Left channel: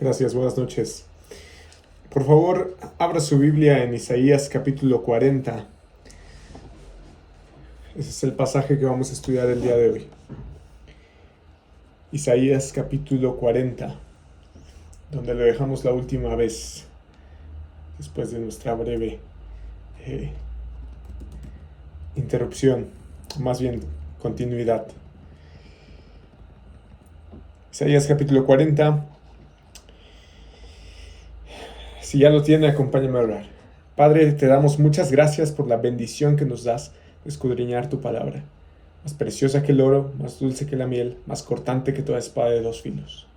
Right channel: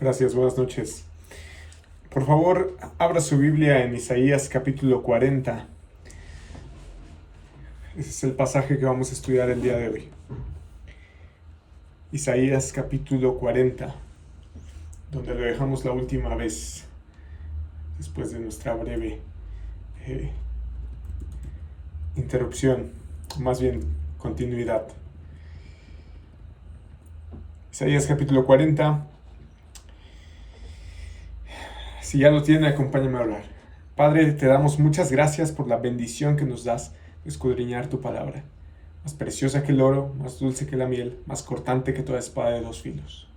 Gracias, buenas noches. Por favor, abra su Biblia en Isaías capítulo 40. Ese es el pasaje que vamos a estudiar el día de hoy. Isaías capítulo 40, donde lo dejamos la última vez, después de nuestra breve interrupción, más bien continuidad. Isaías capítulo 40. Si ya lo tiene, acompáñame a orar. Padre, te damos muchas gracias por la bendición que nos das de escudriñar tu palabra. Más preciosa que el oro, más dulce que la miel, más cortante que toda espada de dos filos.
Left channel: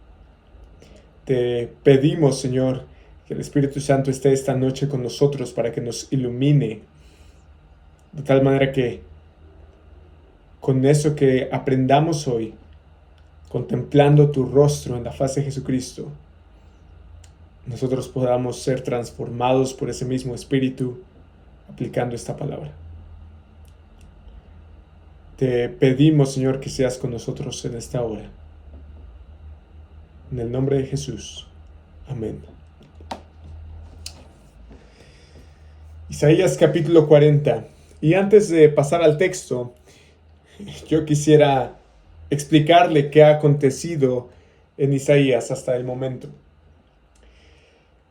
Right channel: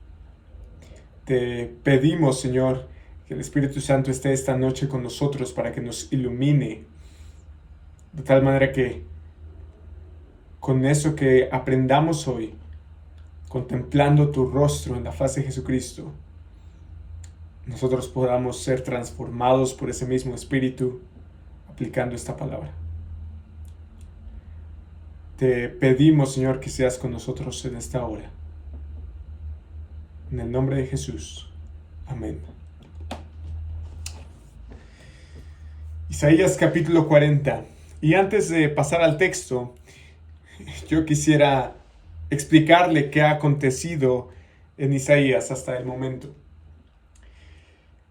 Te pedimos, Señor, que el Espíritu Santo esté esta noche con nosotros para que nos ilumine, de tal manera que con eso que aprendamos hoy, contemplando tu rostro en la faz de Jesucristo, nosotros podamos ser transformados por ese mismo Espíritu aplicando esta palabra. Te pedimos, Señor, que seas con nosotros en esta hora. En el nombre de Jesús. Amén. Isaías capítulo 40. Y antes de pasar al texto, yo quisiera explicarle qué ha acontecido en Isaías hasta el momento.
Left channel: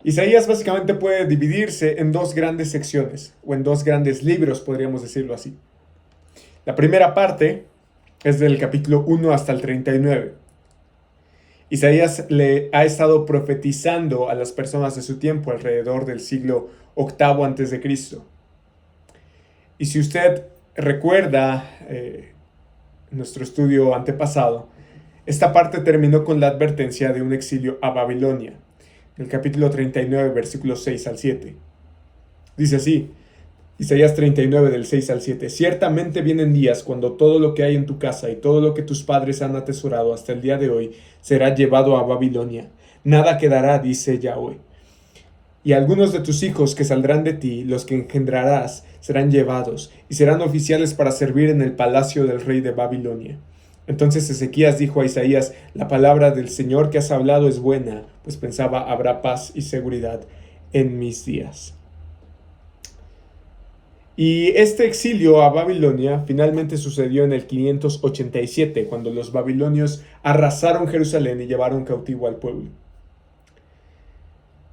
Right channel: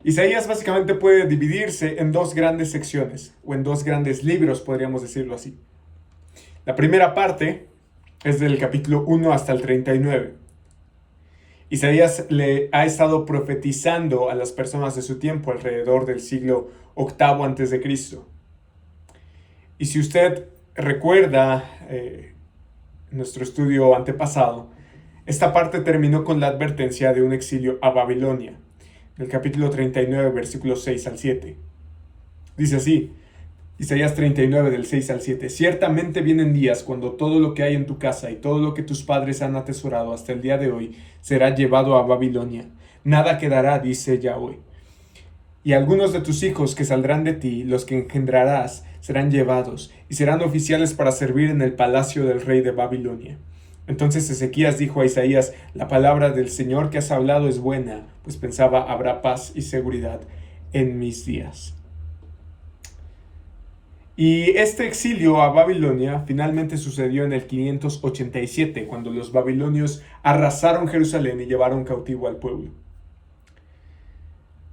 Isaías básicamente puede dividirse en dos grandes secciones, o en dos grandes libros, podríamos decirlo así. La primera parte es del capítulo 1 hasta el 39. Isaías le ha estado profetizando a las personas de su tiempo alrededor del siglo VIII a.C. Y si usted recuerda nuestro estudio antepasado, esta parte terminó con la advertencia de un exilio a Babilonia. El capítulo 39, versículos 6 al 7. Dice así, Isaías 39, del 6 al 7. Ciertamente vienen días cuando todo lo que hay en tu casa y todo lo que tus padres han atesorado hasta el día de hoy será llevado a Babilonia. Nada quedará, dice Yahweh. Y algunos de tus hijos que saldrán de ti, los que engendrarás, serán llevados y serán oficiales para servir en el palacio del rey de Babilonia. Entonces Ezequías dijo a Isaías, la palabra del Señor que has hablado es buena, pues pensaba, habrá paz y seguridad en mis días. Y este exilio a Babilonia finalmente sucedió en el 587, cuando los babilonios arrasaron Jerusalén y llevaron cautivo al pueblo.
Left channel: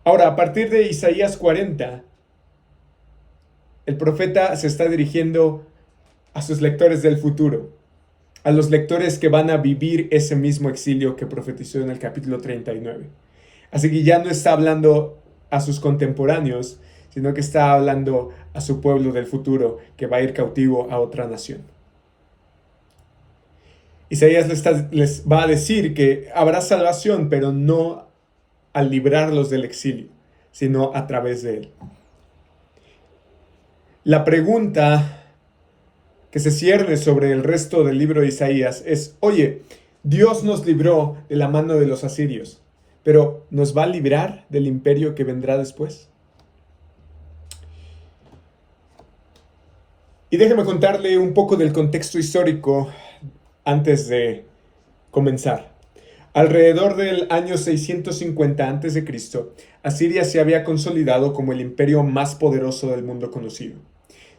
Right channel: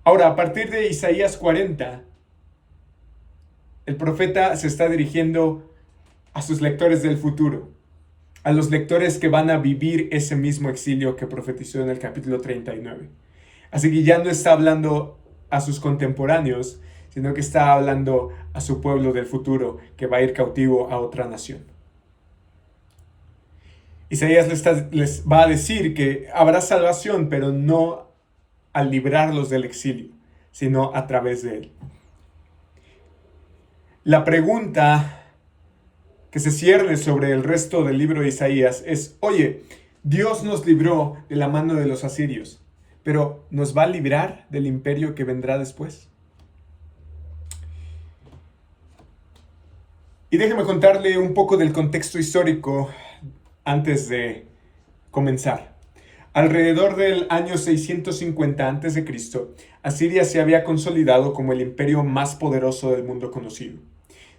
Ahora, a partir de Isaías 40, el profeta se está dirigiendo a sus lectores del futuro, a los lectores que van a vivir ese mismo exilio que profetizó en el capítulo 39. Así que ya no está hablando a sus contemporáneos, sino que está hablando a su pueblo del futuro que va a ir cautivo a otra nación. Isaías les va a decir que habrá salvación, pero no al librarlos del exilio, sino a través de él. La pregunta que se cierne sobre el resto del libro de Isaías es, oye, Dios nos libró de la mano de los asirios, pero ¿nos va a librar del imperio que vendrá después? Y déjeme contarle un poco del contexto histórico antes de comenzar. Alrededor del año 650 a.C., Asiria se había consolidado como el imperio más poderoso del mundo conocido.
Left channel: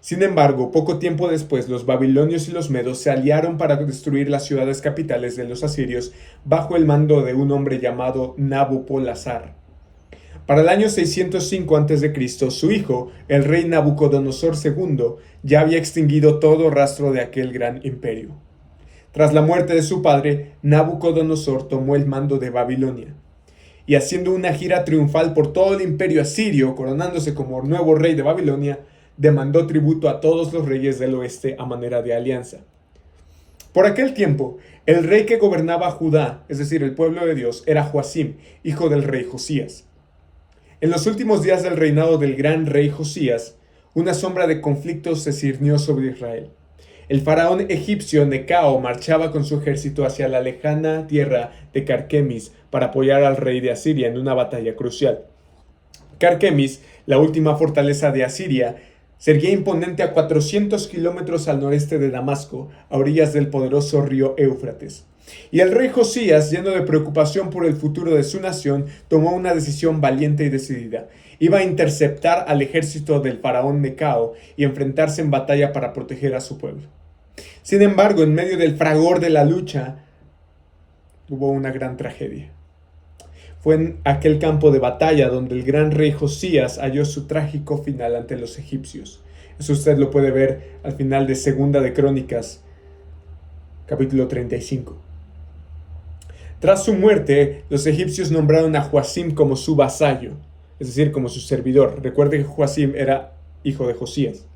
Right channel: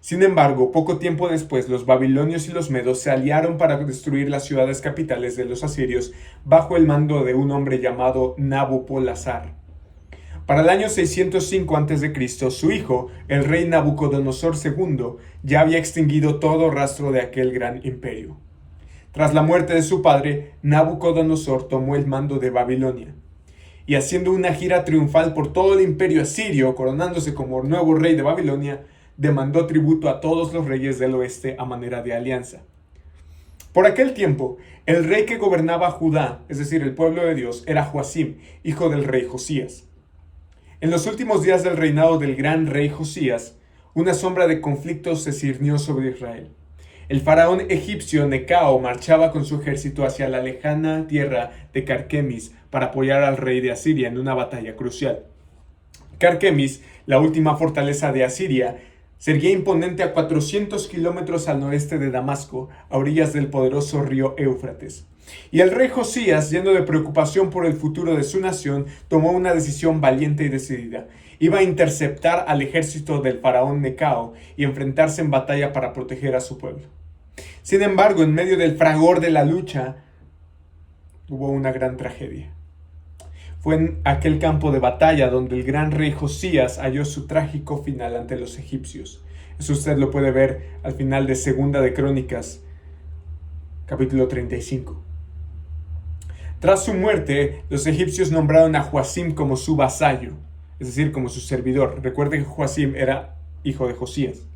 Sin embargo, poco tiempo después, los babilonios y los medos se aliaron para destruir las ciudades capitales de los asirios bajo el mando de un hombre llamado Nabopolassar. Para el año 605 a.C., su hijo, el rey Nabucodonosor II, ya había extinguido todo rastro de aquel gran imperio. Tras la muerte de su padre, Nabucodonosor tomó el mando de Babilonia. Y haciendo una gira triunfal por todo el imperio asirio, coronándose como nuevo rey de Babilonia, demandó tributo a todos los reyes del oeste a manera de alianza. Por aquel tiempo, el rey que gobernaba Judá, es decir, el pueblo de Dios, era Joacim, hijo del rey Josías. En los últimos días del reinado del gran rey Josías, una sombra de conflicto se ciñó sobre Israel. El faraón egipcio Necao marchaba con su ejército hacia la lejana tierra de Carquemis para apoyar al rey de Asiria en una batalla crucial. Carquemis, la última fortaleza de Asiria, se erguía imponente a 400 kilómetros al noreste de Damasco, a orillas del poderoso río Éufrates. Y el rey Josías, lleno de preocupación por el futuro de su nación, tomó una decisión valiente y decidida. Iba a interceptar al ejército del faraón Necao y enfrentarse en batalla para proteger a su pueblo. Sin embargo, en medio del fragor de la lucha, hubo una gran tragedia. Fue en aquel campo de batalla donde el gran rey Josías halló su trágico final ante los egipcios. Eso usted lo puede ver al final de Segunda de Crónicas, capítulo 35. Tras su muerte, los egipcios nombraron a Joacim como su vasallo, es decir, como su servidor. Recuerde que Joacim era hijo de Josías.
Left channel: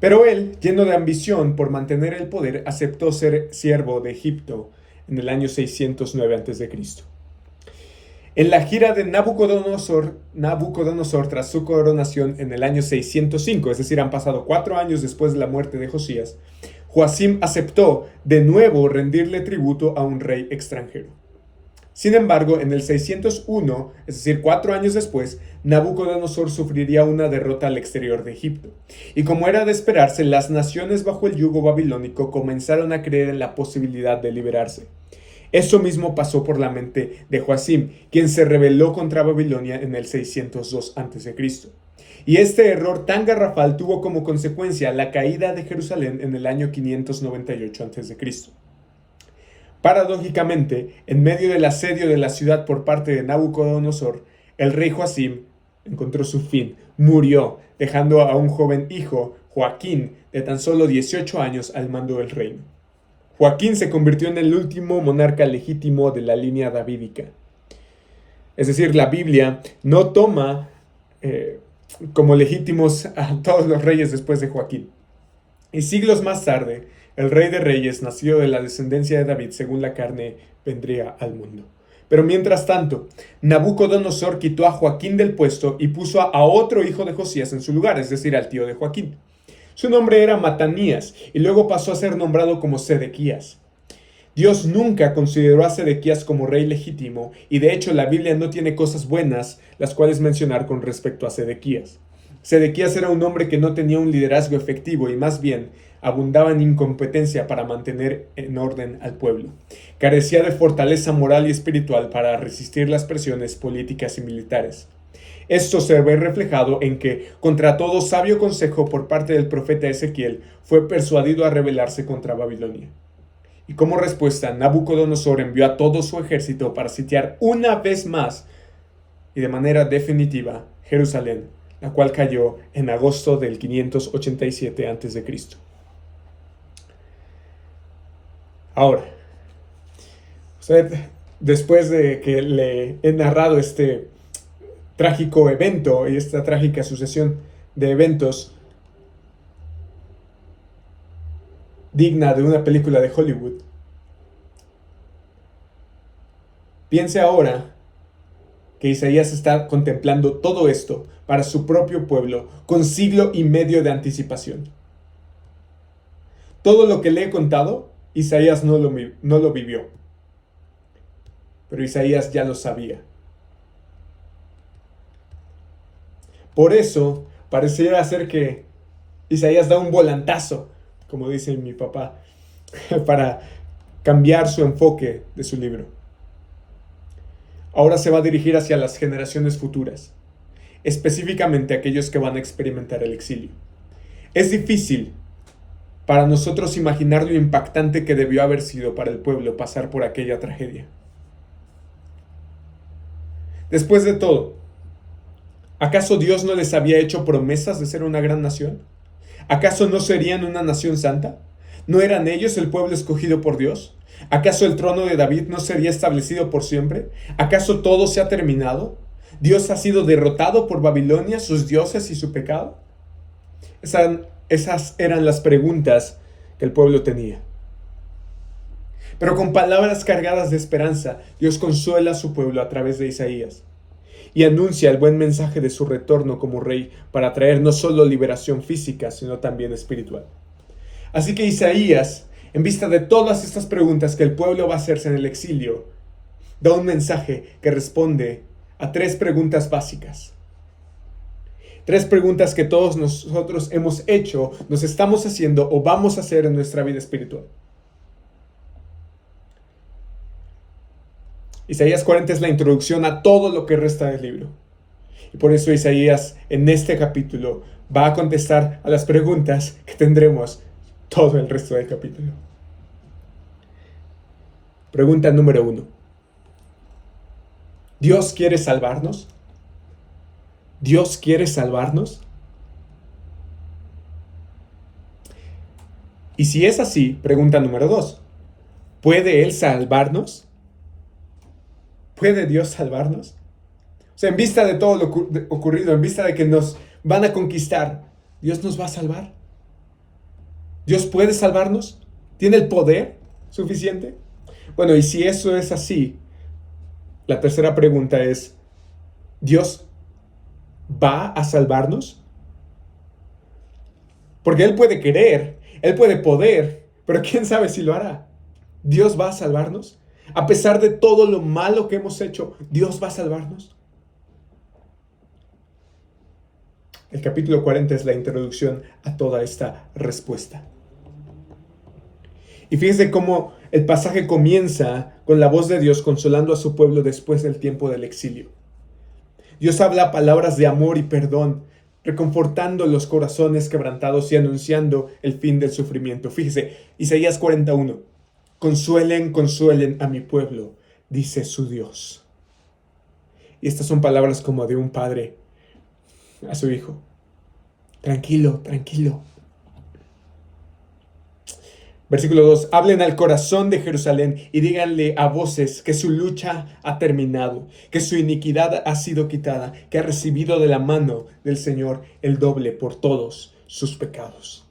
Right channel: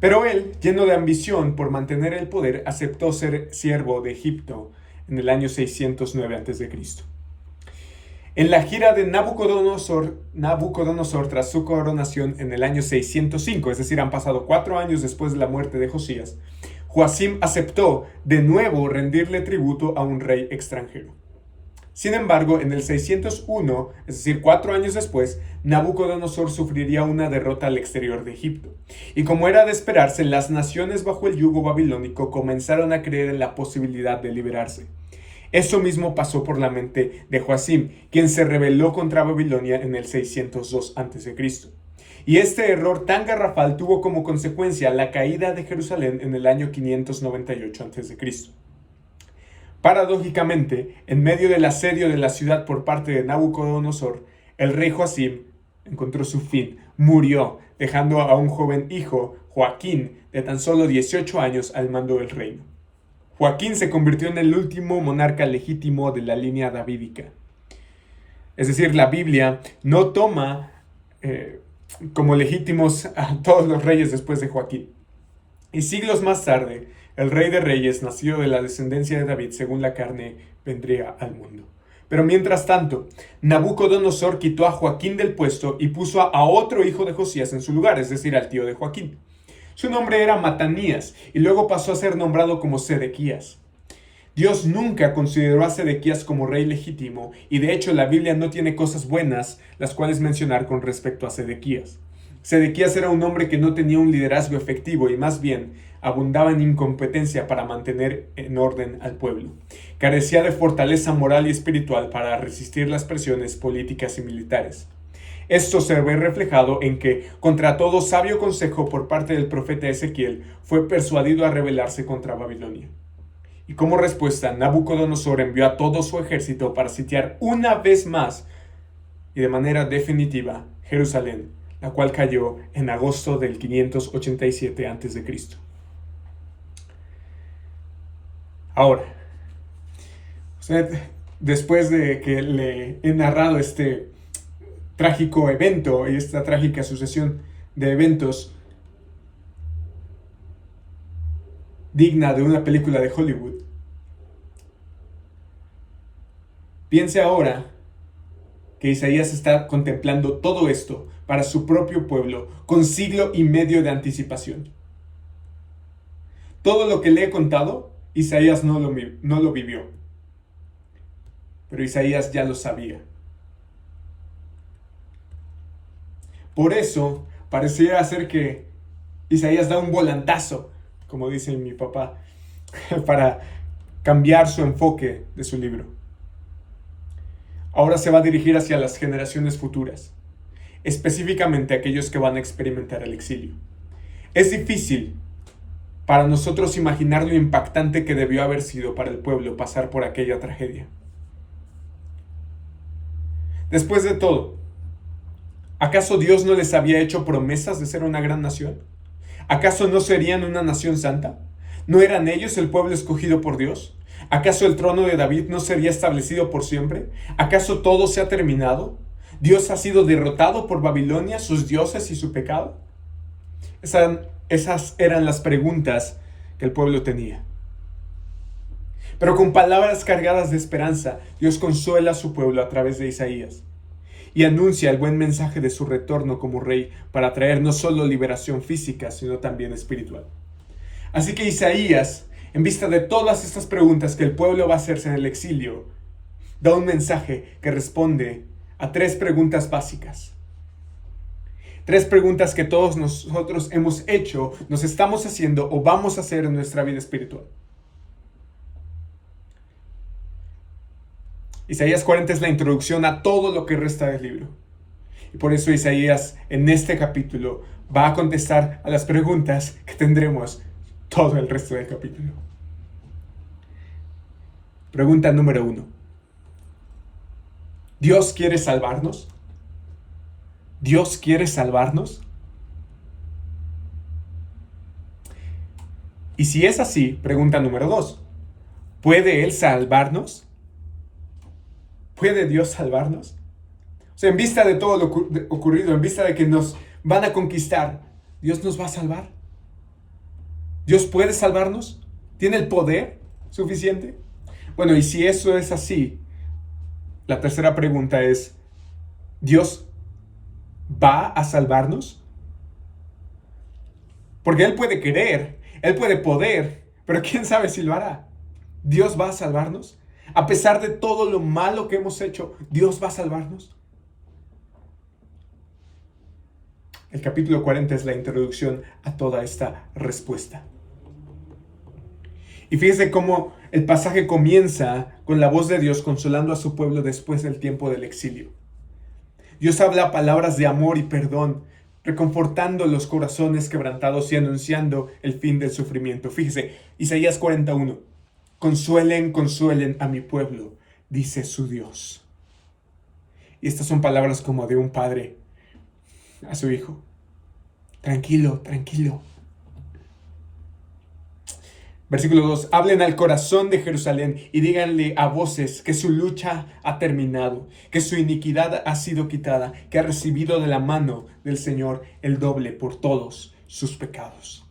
Pero él, lleno de ambición por mantener el poder, aceptó ser siervo de Egipto en el año 609 a.C. En la gira de Nabucodonosor tras su coronación en el año 605, es decir, han pasado 4 años después de la muerte de Josías, Joacim aceptó de nuevo rendirle tributo a un rey extranjero. Sin embargo, en el 601, es decir, 4 años después, Nabucodonosor sufriría una derrota al exterior de Egipto. Y como era de esperarse, las naciones bajo el yugo babilónico comenzaron a creer en la posibilidad de liberarse. Eso mismo pasó por la mente de Joacim, quien se rebeló contra Babilonia en el 602 a.C. Y este error tan garrafal tuvo como consecuencia la caída de Jerusalén en el año 598 a.C. Paradójicamente, en medio del asedio de la ciudad por parte de Nabucodonosor, el rey Joacim encontró su fin, murió, dejando a un joven hijo, Joaquín, de tan solo 18 años al mando del reino. Joaquín se convirtió en el último monarca legítimo de la línea davídica. Es decir, la Biblia no toma como legítimos a todos los reyes después de Joaquín. Y siglos más tarde, el rey de reyes, nacido de la descendencia de David según la carne, vendría al mundo. Pero mientras tanto, Nabucodonosor quitó a Joaquín del puesto y puso a otro hijo de Josías en su lugar, es decir, al tío de Joaquín. Su nombre era Matanías y luego pasó a ser nombrado como Sedequías. Dios nunca consideró a Sedequías como rey legítimo y de hecho la Biblia no tiene cosas buenas las cuales mencionar con respecto a Sedequías. Sedequías era un hombre que no tenía un liderazgo efectivo y más bien abundaba en incompetencia para mantener en orden al pueblo. Carecía de fortaleza moral y espiritual para resistir las presiones políticas y militares. Esto se ve reflejado en que, contra todo sabio consejo por parte del profeta Ezequiel, fue persuadido a rebelarse contra Babilonia. Y como respuesta, Nabucodonosor envió a todo su ejército para sitiar una vez más y de manera definitiva Jerusalén, la cual cayó en agosto del 587 a.C. Ahora, usted, después de que le he narrado este trágico evento y esta trágica sucesión de eventos digna de una película de Hollywood, piense ahora que Isaías está contemplando todo esto para su propio pueblo con siglo y medio de anticipación. Todo lo que le he contado, Isaías no lo vivió, pero Isaías ya lo sabía. Por eso, pareciera ser que Isaías da un volantazo, como dice mi papá, para cambiar su enfoque de su libro. Ahora se va a dirigir hacia las generaciones futuras, específicamente aquellos que van a experimentar el exilio. Es difícil para nosotros imaginar lo impactante que debió haber sido para el pueblo pasar por aquella tragedia. Después de todo, ¿acaso Dios no les había hecho promesas de ser una gran nación? ¿Acaso no serían una nación santa? ¿No eran ellos el pueblo escogido por Dios? ¿Acaso el trono de David no sería establecido por siempre? ¿Acaso todo se ha terminado? ¿Dios ha sido derrotado por Babilonia, sus dioses y su pecado? Esas eran las preguntas que el pueblo tenía. Pero con palabras cargadas de esperanza, Dios consuela a su pueblo a través de Isaías y anuncia el buen mensaje de su retorno como rey para traer no solo liberación física, sino también espiritual. Así que Isaías, en vista de todas estas preguntas que el pueblo va a hacerse en el exilio, da un mensaje que responde a 3 preguntas básicas. 3 preguntas que todos nosotros hemos hecho, nos estamos haciendo o vamos a hacer en nuestra vida espiritual. Isaías 40 es la introducción a todo lo que resta del libro. Y por eso Isaías en este capítulo va a contestar a las preguntas que tendremos todo el resto del capítulo. Pregunta número 1. ¿Dios quiere salvarnos? ¿Dios quiere salvarnos? Y si es así, pregunta número 2. ¿Puede Él salvarnos? ¿Puede Dios salvarnos? O sea, en vista de todo lo ocurrido, en vista de que nos van a conquistar, ¿Dios nos va a salvar? ¿Dios puede salvarnos? ¿Tiene el poder suficiente? Bueno, y si eso es así, la tercera pregunta es, ¿Dios va a salvarnos? Porque Él puede querer, Él puede poder, pero quién sabe si lo hará. ¿Dios va a salvarnos? A pesar de todo lo malo que hemos hecho, ¿Dios va a salvarnos? El capítulo 40 es la introducción a toda esta respuesta. Y fíjense cómo el pasaje comienza con la voz de Dios consolando a su pueblo después del tiempo del exilio. Dios habla palabras de amor y perdón, reconfortando los corazones quebrantados y anunciando el fin del sufrimiento. Fíjese, Isaías 41. Consuelen, consuelen a mi pueblo, dice su Dios. Y estas son palabras como de un padre a su hijo. Tranquilo, tranquilo. Versículo 2. Hablen al corazón de Jerusalén y díganle a voces que su lucha ha terminado, que su iniquidad ha sido quitada, que ha recibido de la mano del Señor el doble por todos sus pecados.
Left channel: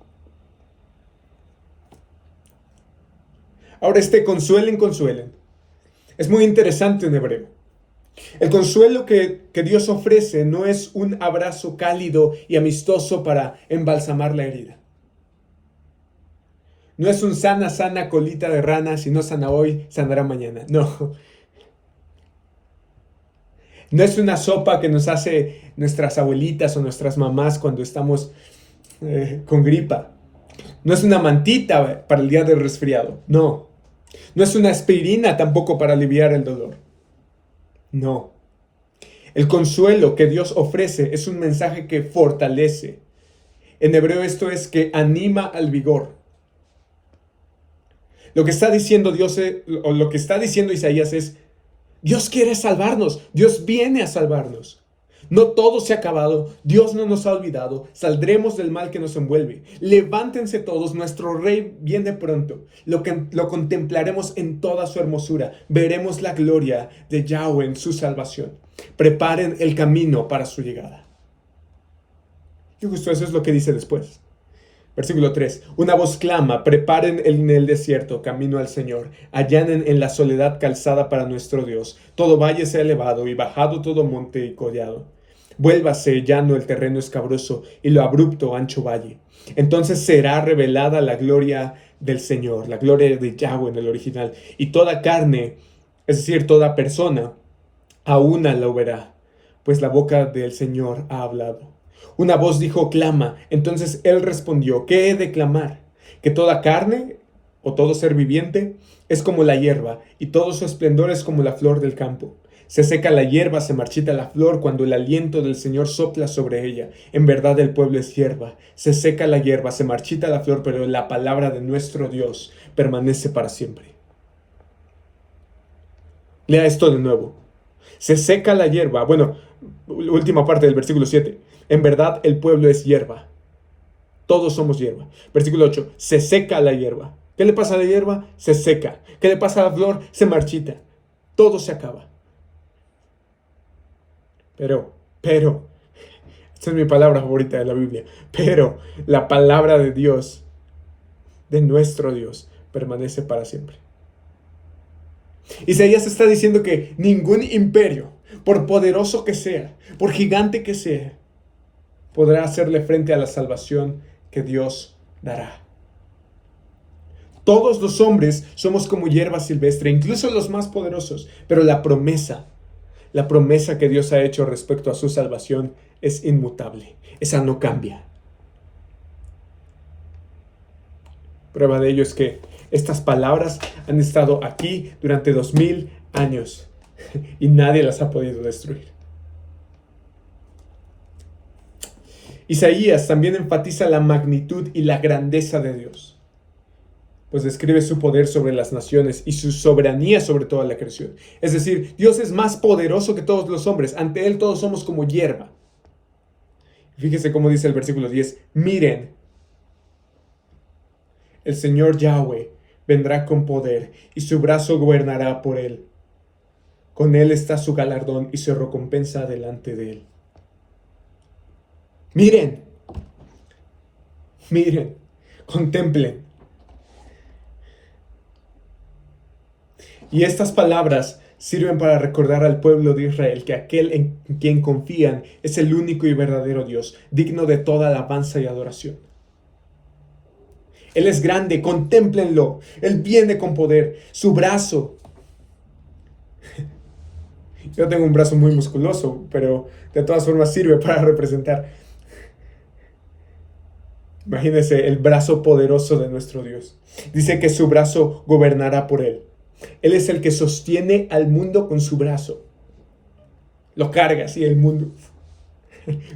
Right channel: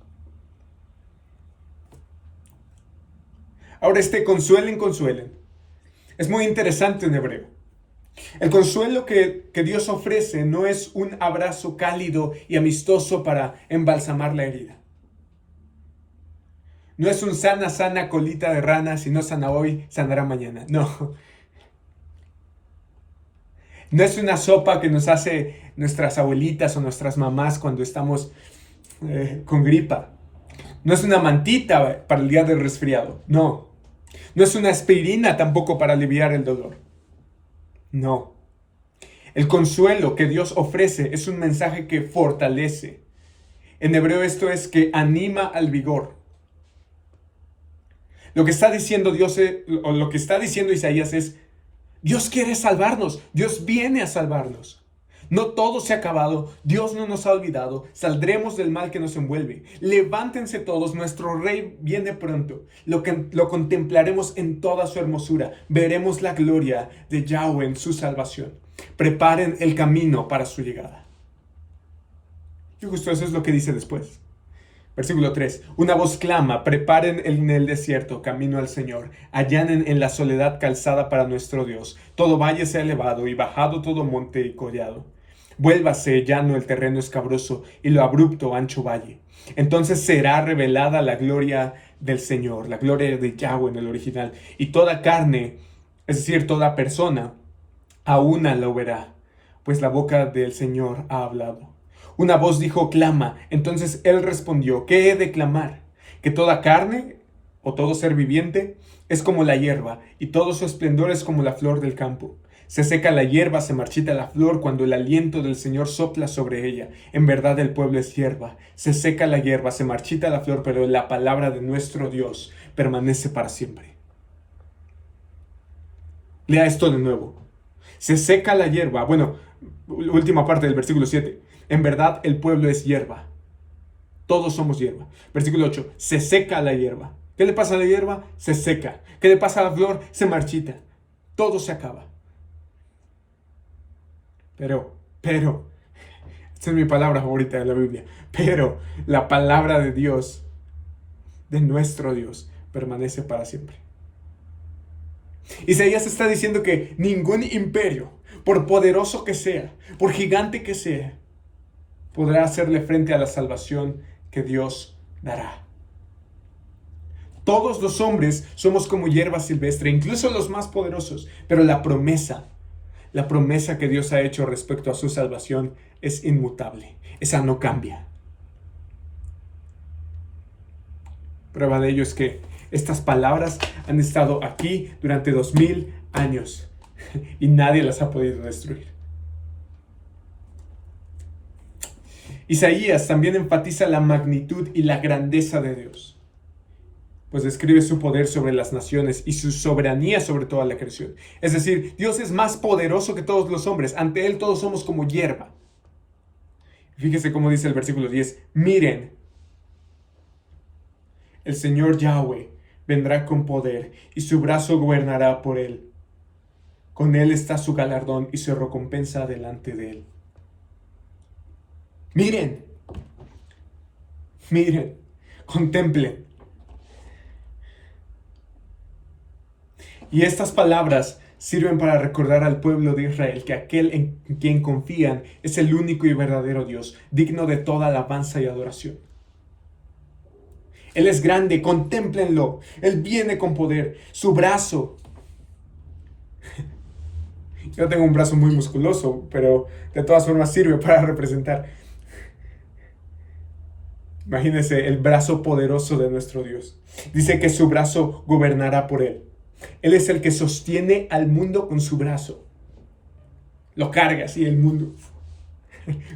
Ahora consuelen, consuelen. Es muy interesante en hebreo. El consuelo que Dios ofrece no es un abrazo cálido y amistoso para embalsamar la herida. No es un sana, sana colita de rana, si no sana hoy, sanará mañana. No. No es una sopa que nos hace nuestras abuelitas o nuestras mamás cuando estamos con gripa. No es una mantita para el día del resfriado. No. No es una aspirina tampoco para aliviar el dolor. No. El consuelo que Dios ofrece es un mensaje que fortalece. En hebreo esto es que anima al vigor. Lo que está diciendo Dios, o lo que está diciendo Isaías es, Dios quiere salvarnos, Dios viene a salvarnos. No todo se ha acabado, Dios no nos ha olvidado, saldremos del mal que nos envuelve. Levántense todos, nuestro Rey viene pronto. Lo contemplaremos en toda su hermosura, veremos la gloria de Yahweh en su salvación. Preparen el camino para su llegada. Y justo eso es lo que dice después. Versículo 3. Una voz clama, preparen en el desierto camino al Señor, allanen en la soledad calzada para nuestro Dios. Todo valle sea elevado y bajado todo monte y collado. Vuélvase llano el terreno escabroso y lo abrupto ancho valle. Entonces será revelada la gloria del Señor, la gloria de Yahweh en el original, y toda carne, es decir, toda persona, a una lo verá, pues la boca del Señor ha hablado. Una voz dijo, clama. Entonces él respondió, ¿qué he de clamar? Que toda carne, o todo ser viviente, es como la hierba, y todo su esplendor es como la flor del campo. Se seca la hierba, se marchita la flor, cuando el aliento del Señor sopla sobre ella. En verdad el pueblo es hierba. Se seca la hierba, se marchita la flor, pero la palabra de nuestro Dios permanece para siempre. Lea esto de nuevo. Se seca la hierba. Bueno, última parte del versículo 7. En verdad el pueblo es hierba. Todos somos hierba. Versículo 8. Se seca la hierba. ¿Qué le pasa a la hierba? Se seca. ¿Qué le pasa a la flor? Se marchita. Todo se acaba. Pero, esta es mi palabra favorita de la Biblia. Pero la palabra de Dios, de nuestro Dios, permanece para siempre. Isaías está diciendo que ningún imperio, por poderoso que sea, por gigante que sea, podrá hacerle frente a la salvación que Dios dará. Todos los hombres somos como hierba silvestre, incluso los más poderosos, pero la promesa que Dios ha hecho respecto a su salvación es inmutable. Esa no cambia. Prueba de ello es que estas palabras han estado aquí durante 2000 años. y nadie las ha podido destruir. Isaías también enfatiza la magnitud y la grandeza de Dios, pues describe su poder sobre las naciones y su soberanía sobre toda la creación. Es decir, Dios es más poderoso que todos los hombres. Ante Él todos somos como hierba. Fíjese cómo dice el versículo 10. Miren, el Señor Yahweh vendrá con poder y su brazo gobernará por Él. Con Él está su galardón y su recompensa delante de Él. Miren, miren, contemplen. Y estas palabras sirven para recordar al pueblo de Israel que aquel en quien confían es el único y verdadero Dios, digno de toda alabanza y adoración. Él es grande, contémplenlo. Él viene con poder. Su brazo. Yo tengo un brazo muy musculoso, pero de todas formas sirve para representar. Imagínense el brazo poderoso de nuestro Dios. Dice que su brazo gobernará por él. Él es el que sostiene al mundo con su brazo. Lo carga así el mundo,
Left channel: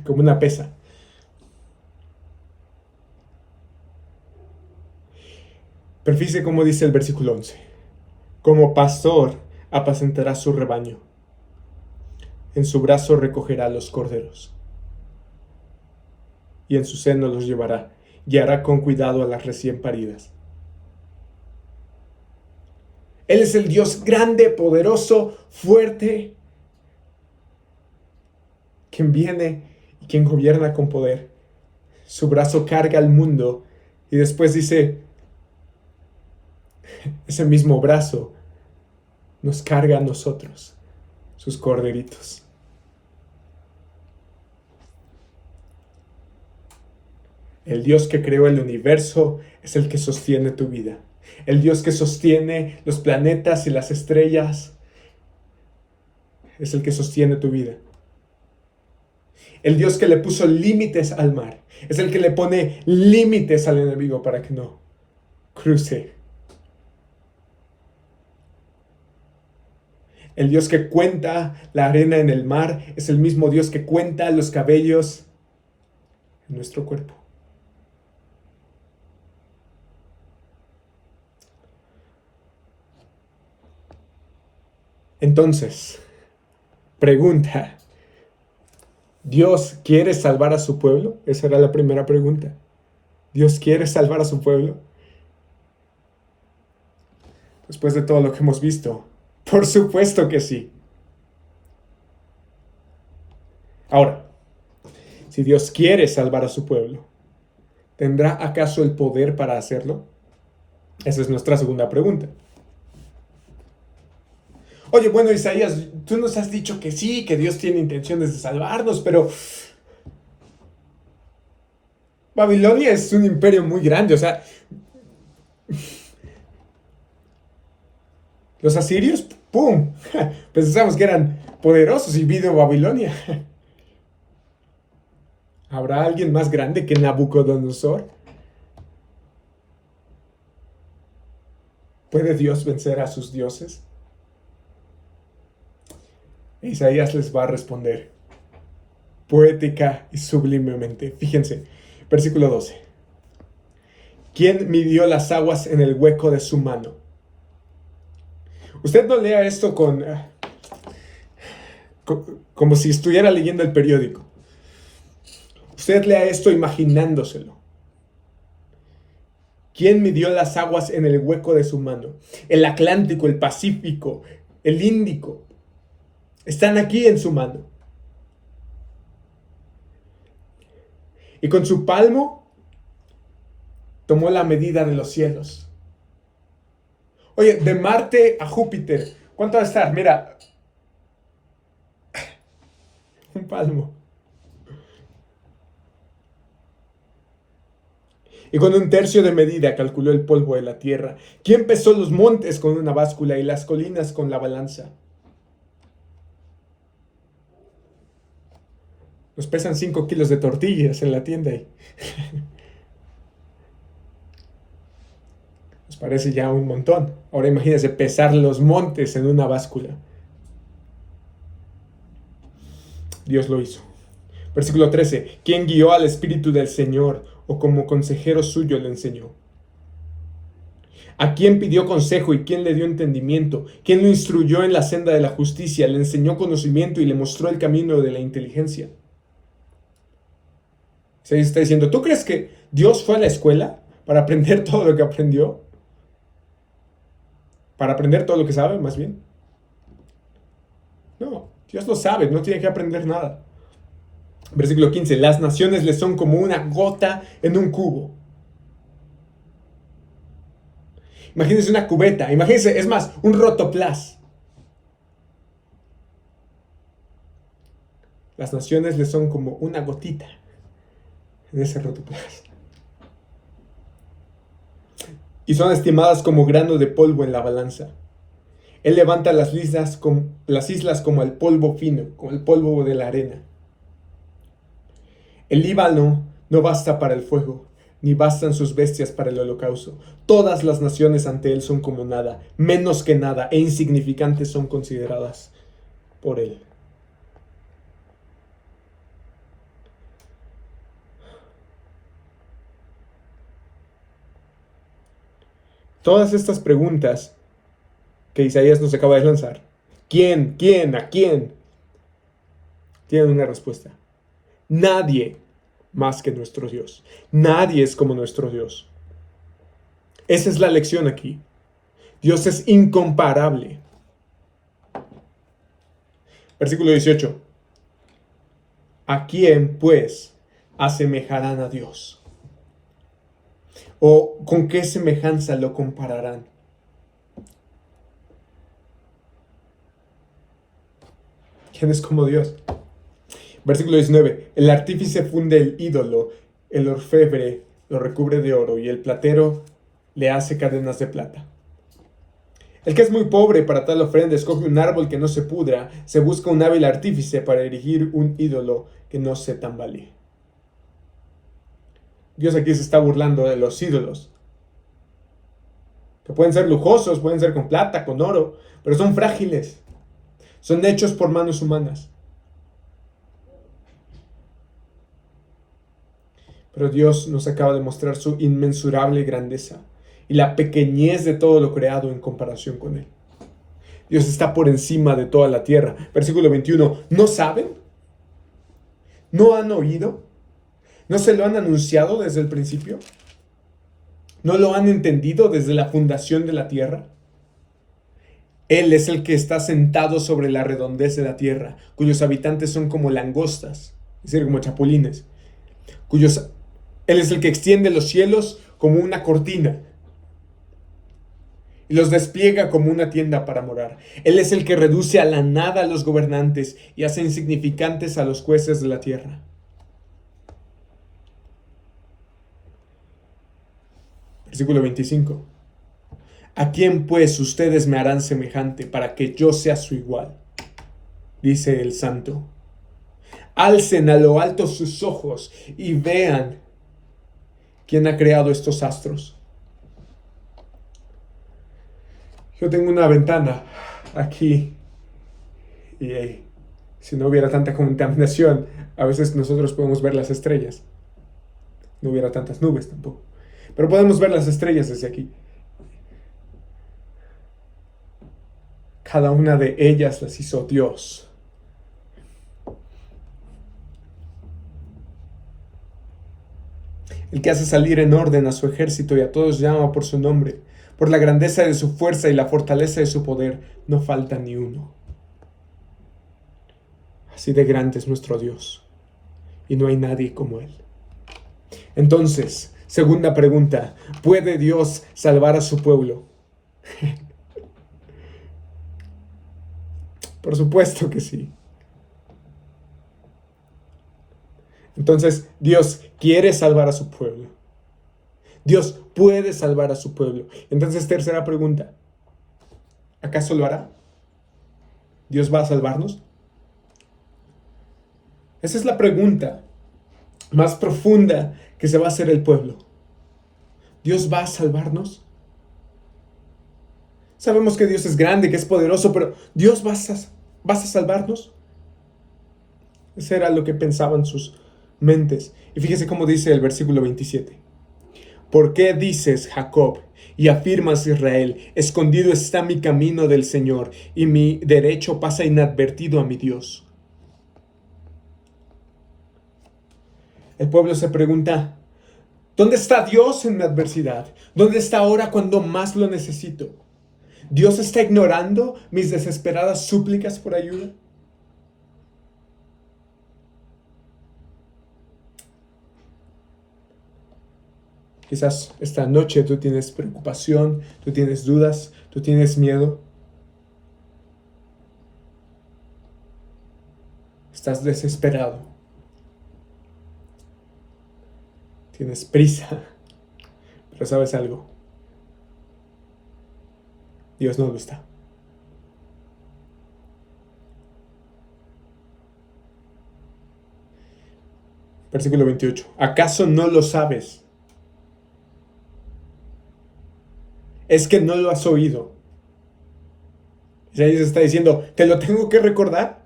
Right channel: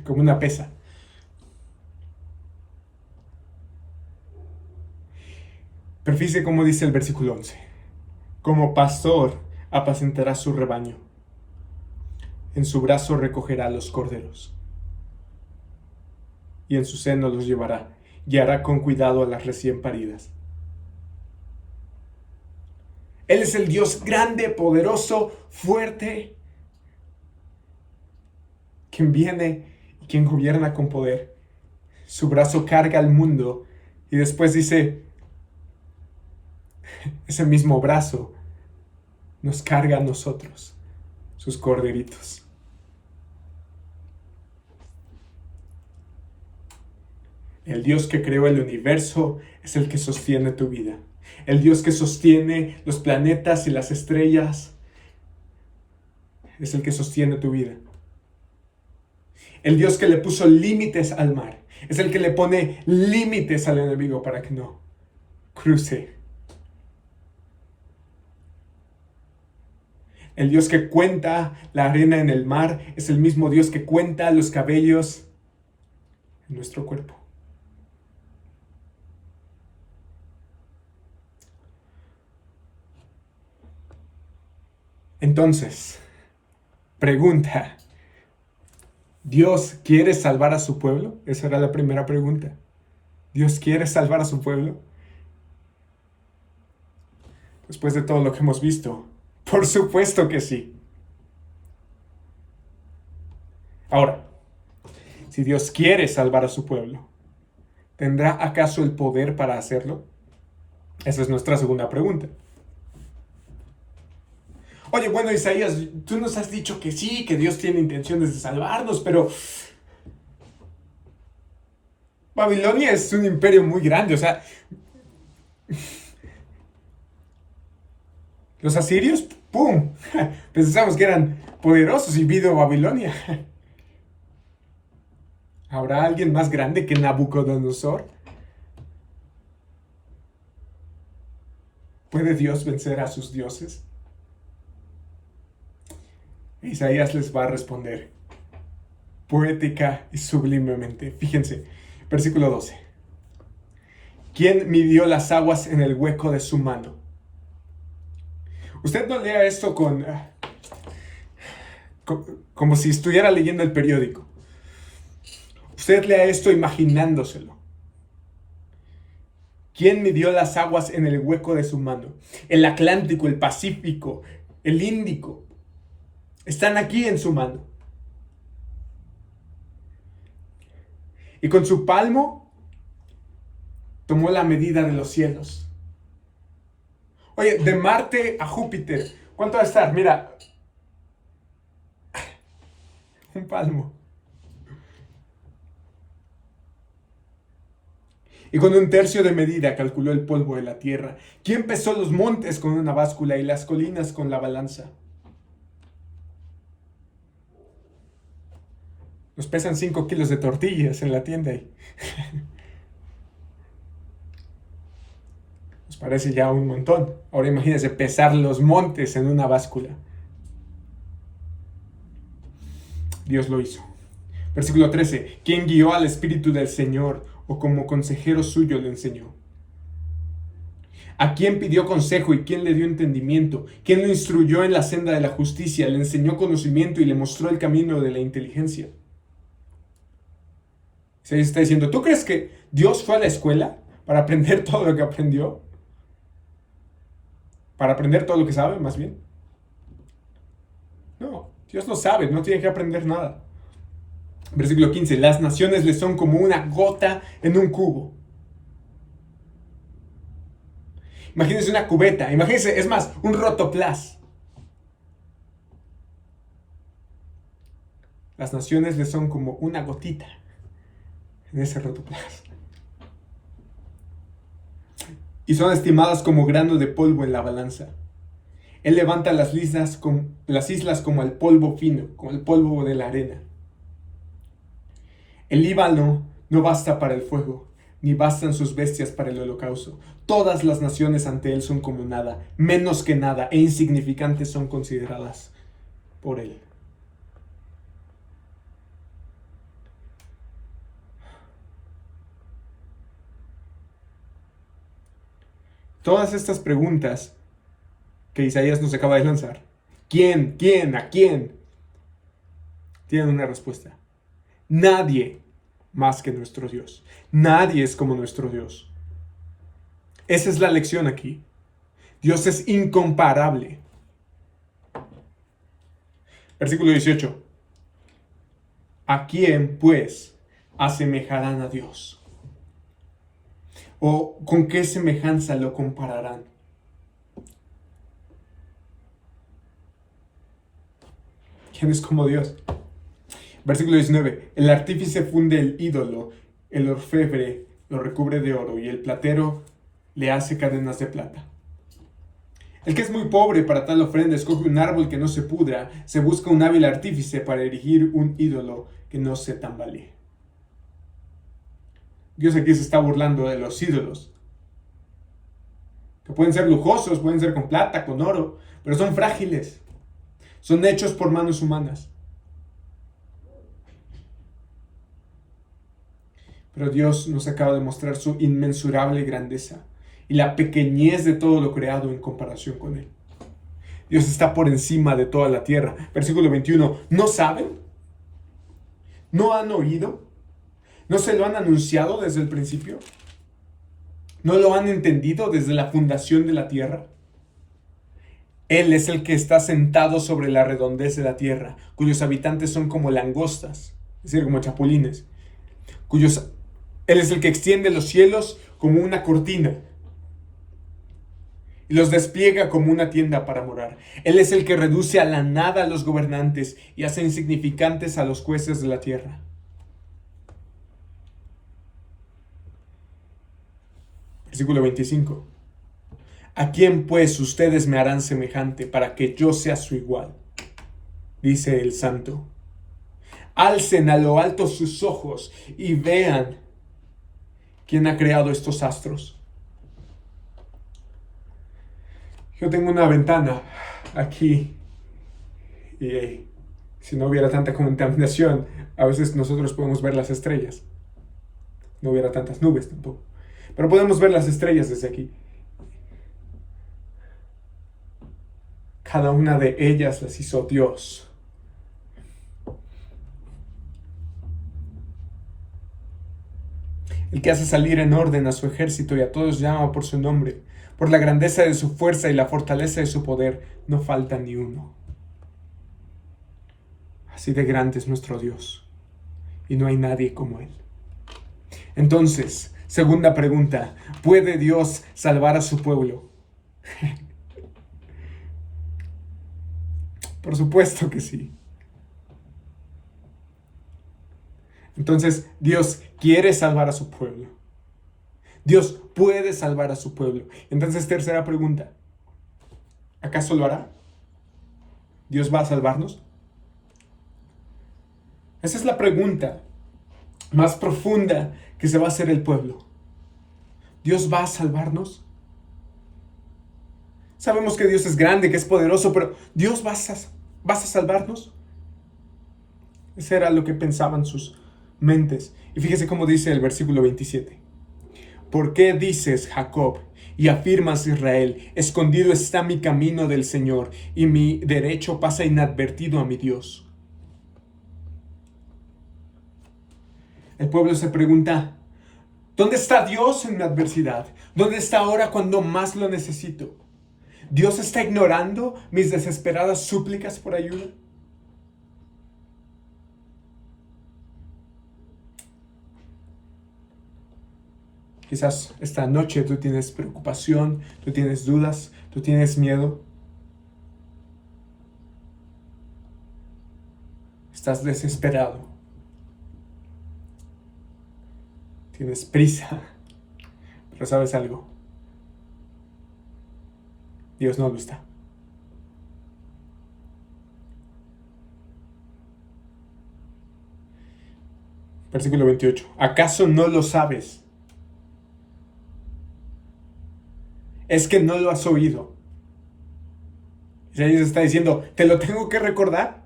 como una pesa. Pero fíjese cómo dice el versículo 11. Como pastor apacentará su rebaño. En su brazo recogerá los corderos. Y en su seno los llevará. Guiará con cuidado a las recién paridas. Él es el Dios grande, poderoso, fuerte, quien viene y quien gobierna con poder. Su brazo carga al mundo y después dice, ese mismo brazo nos carga a nosotros, sus corderitos. El Dios que creó el universo es el que sostiene tu vida. El Dios que sostiene los planetas y las estrellas es el que sostiene tu vida. El Dios que le puso límites al mar es el que le pone límites al enemigo para que no cruce. El Dios que cuenta la arena en el mar es el mismo Dios que cuenta los cabellos en nuestro cuerpo. Entonces, pregunta, ¿Dios quiere salvar a su pueblo? Esa era la primera pregunta. ¿Dios quiere salvar a su pueblo? Después de todo lo que hemos visto, por supuesto que sí. Ahora, si Dios quiere salvar a su pueblo, ¿tendrá acaso el poder para hacerlo? Esa es nuestra segunda pregunta. Oye, bueno, Isaías, tú nos has dicho que sí, que Dios tiene intenciones de salvarnos, pero Babilonia es un imperio muy grande, o sea, los asirios, ¡pum! Pensamos que eran poderosos y vino Babilonia. ¿Habrá alguien más grande que Nabucodonosor? ¿Puede Dios vencer a sus dioses? Isaías les va a responder poética y sublimemente. Fíjense, versículo 12. ¿Quién midió las aguas en el hueco de su mano? Usted no lea esto como si estuviera leyendo el periódico. Usted lea esto imaginándoselo. ¿Quién midió las aguas en el hueco de su mano? El Atlántico, el Pacífico, el Índico. Están aquí en su mano. Y con su palmo tomó la medida de los cielos. Oye, de Marte a Júpiter, ¿cuánto va a estar? Mira, un palmo. Y con un tercio de medida calculó el polvo de la tierra. ¿Quién pesó los montes con una báscula y las colinas con la balanza? Nos pesan 5 kilos de tortillas en la tienda. Nos parece ya un montón. Ahora imagínense pesar los montes en una báscula. Dios lo hizo. Versículo 13. ¿Quién guió al Espíritu del Señor o como consejero suyo le enseñó? ¿A quién pidió consejo y quién le dio entendimiento? ¿Quién lo instruyó en la senda de la justicia, le enseñó conocimiento y le mostró el camino de la inteligencia? Se está diciendo, ¿tú crees que Dios fue a la escuela para aprender todo lo que aprendió? ¿Para aprender todo lo que sabe, más bien? No, Dios lo sabe, no tiene que aprender nada. Versículo 15, las naciones le son como una gota en un cubo. Imagínense una cubeta, imagínense, es más, un rotoplas. Las naciones le son como una gotita en ese rotoplas. Y son estimadas como grano de polvo en la balanza. Él levanta las islas como el polvo fino, como el polvo de la arena. El Líbano no basta para el fuego, ni bastan sus bestias para el holocausto. Todas las naciones ante él son como nada, menos que nada, e insignificantes son consideradas por él. Todas estas preguntas que Isaías nos acaba de lanzar, ¿quién? ¿Quién? ¿A quién? Tienen una respuesta. Nadie más que nuestro Dios. Nadie es como nuestro Dios. Esa es la lección aquí. Dios es incomparable. Versículo 18. ¿A quién, pues, asemejarán a Dios? ¿O con qué semejanza lo compararán? ¿Quién es como Dios? Versículo 19. El artífice funde el ídolo, el orfebre lo recubre de oro y el platero le hace cadenas de plata. El que es muy pobre para tal ofrenda escoge un árbol que no se pudra, se busca un hábil artífice para erigir un ídolo que no se tambalee. Dios aquí se está burlando de los ídolos, que pueden ser lujosos, pueden ser con plata, con oro, pero son frágiles, son hechos por manos humanas. Pero Dios nos acaba de mostrar su inmensurable grandeza y la pequeñez de todo lo creado en comparación con Él. Dios está por encima de toda la tierra. Versículo 21. ¿No saben? ¿No han oído? ¿No se lo han anunciado desde el principio? ¿No lo han entendido desde la fundación de la tierra? Él es el que está sentado sobre la redondez de la tierra, cuyos habitantes son como langostas, es decir, como chapulines, Él es el que extiende los cielos como una cortina y los despliega como una tienda para morar. Él es el que reduce a la nada a los gobernantes y hace insignificantes a los jueces de la tierra. Versículo 25. ¿A quién pues ustedes me harán semejante para que yo sea su igual? Dice el Santo. Alcen a lo alto sus ojos y vean quién ha creado estos astros. Yo tengo una ventana aquí y si no hubiera tanta contaminación, a veces nosotros podemos ver las estrellas. No hubiera tantas nubes tampoco. Pero podemos ver las estrellas desde aquí. Cada una de ellas las hizo Dios. El que hace salir en orden a su ejército y a todos llama por su nombre. Por la grandeza de su fuerza y la fortaleza de su poder, no falta ni uno. Así de grande es nuestro Dios, y no hay nadie como Él. Entonces, segunda pregunta, ¿puede Dios salvar a su pueblo? Por supuesto que sí. Entonces, Dios quiere salvar a su pueblo. Dios puede salvar a su pueblo. Entonces, tercera pregunta, ¿acaso lo hará? ¿Dios va a salvarnos? Esa es la pregunta más profunda que se va a hacer el pueblo. ¿Dios va a salvarnos? Sabemos que Dios es grande, que es poderoso, pero ¿Dios vas a salvarnos? Eso era lo que pensaban sus mentes. Y fíjese cómo dice el versículo 27. ¿Por qué dices, Jacob, y afirmas, Israel, escondido está mi camino del Señor, y mi derecho pasa inadvertido a mi Dios? El pueblo se pregunta, ¿dónde está Dios en mi adversidad? ¿Dónde está ahora cuando más lo necesito? ¿Dios está ignorando mis desesperadas súplicas por ayuda? Quizás esta noche tú tienes preocupación, tú tienes dudas, tú tienes miedo. Estás desesperado. Tienes prisa. Pero ¿sabes algo? Dios no lo está. Versículo 28. ¿Acaso no lo sabes? ¿Es que no lo has oído? Isaías está diciendo, ¿te lo tengo que recordar?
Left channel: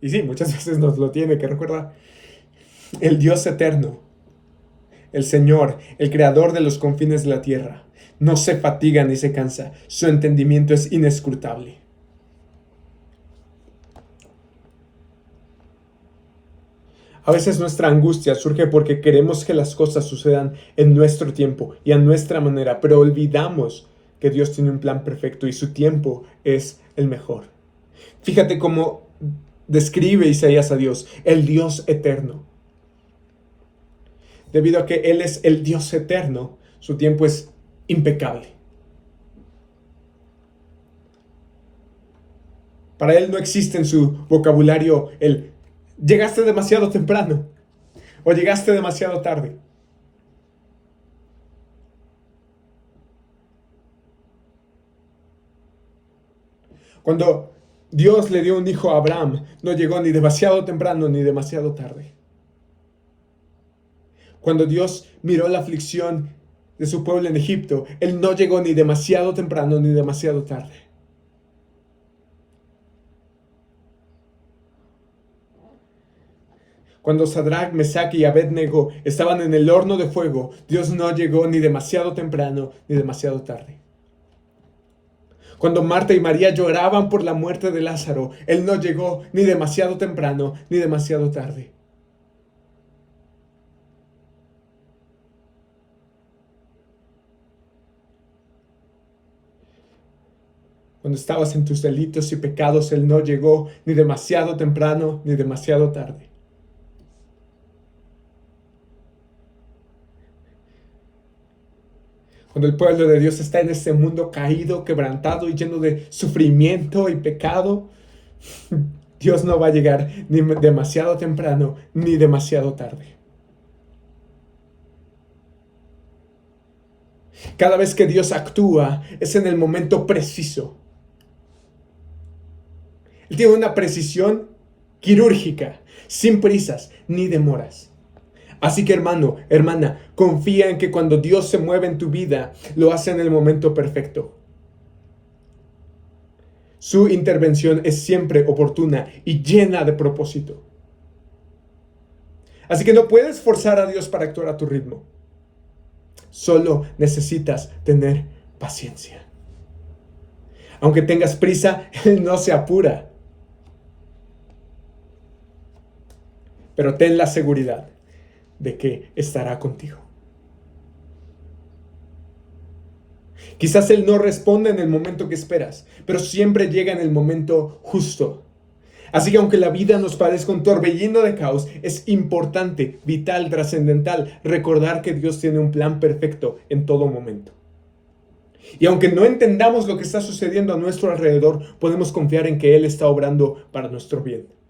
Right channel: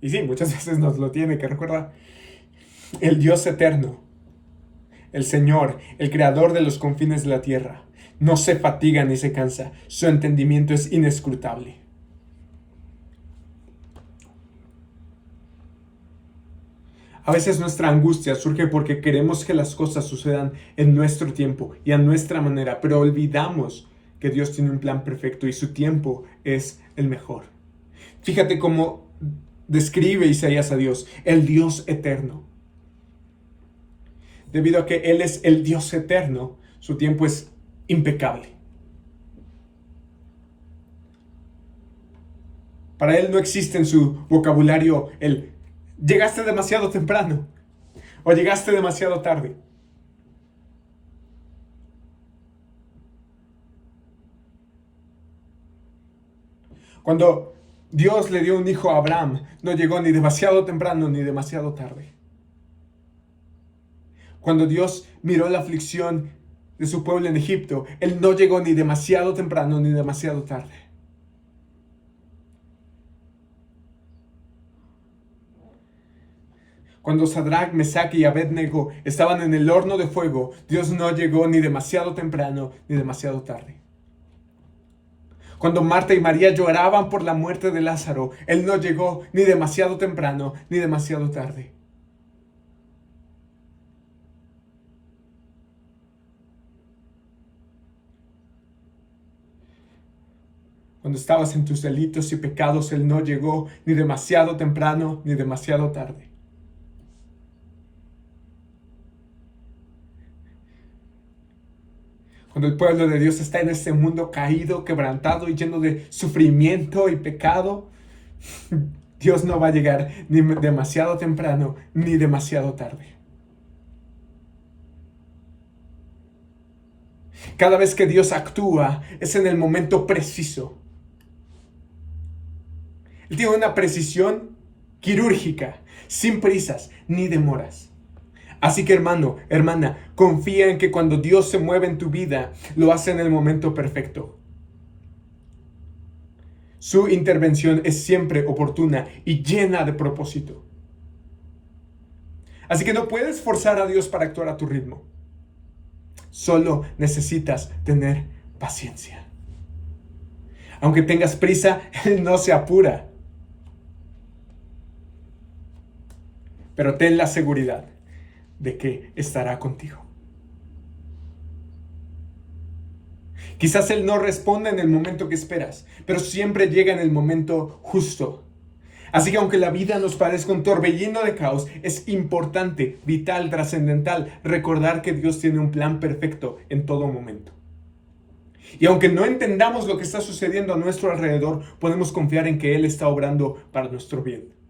Y sí, muchas veces nos lo tiene que recordar. El Dios eterno, el Señor, el creador de los confines de la tierra, no se fatiga ni se cansa. Su entendimiento es inescrutable. A veces nuestra angustia surge porque queremos que las cosas sucedan en nuestro tiempo y a nuestra manera, pero olvidamos que Dios tiene un plan perfecto y su tiempo es el mejor. Fíjate cómo describe Isaías a Dios, el Dios eterno. Debido a que Él es el Dios eterno, su tiempo es impecable. Para Él no existe en su vocabulario el llegaste demasiado temprano o llegaste demasiado tarde. Cuando Dios le dio un hijo a Abraham, no llegó ni demasiado temprano ni demasiado tarde. Cuando Dios miró la aflicción de su pueblo en Egipto, Él no llegó ni demasiado temprano ni demasiado tarde. Cuando Sadrach, Mesach y Abed-Nego estaban en el horno de fuego, Dios no llegó ni demasiado temprano ni demasiado tarde. Cuando Marta y María lloraban por la muerte de Lázaro, Él no llegó ni demasiado temprano ni demasiado tarde. Cuando estabas en tus delitos y pecados, Él no llegó ni demasiado temprano ni demasiado tarde. Cuando el pueblo de Dios está en este mundo caído, quebrantado y lleno de sufrimiento y pecado, Dios no va a llegar ni demasiado temprano ni demasiado tarde. Cada vez que Dios actúa es en el momento preciso. Él tiene una precisión quirúrgica, sin prisas ni demoras. Así que hermano, hermana, confía en que cuando Dios se mueve en tu vida, lo hace en el momento perfecto. Su intervención es siempre oportuna y llena de propósito. Así que no puedes forzar a Dios para actuar a tu ritmo. Solo necesitas tener paciencia. Aunque tengas prisa, Él no se apura. Pero ten la seguridad de que estará contigo. Quizás Él no responda en el momento que esperas, pero siempre llega en el momento justo. Así que aunque la vida nos parezca un torbellino de caos, es importante, vital, trascendental recordar que Dios tiene un plan perfecto en todo momento. Y aunque no entendamos lo que está sucediendo a nuestro alrededor, podemos confiar en que Él está obrando para nuestro bien.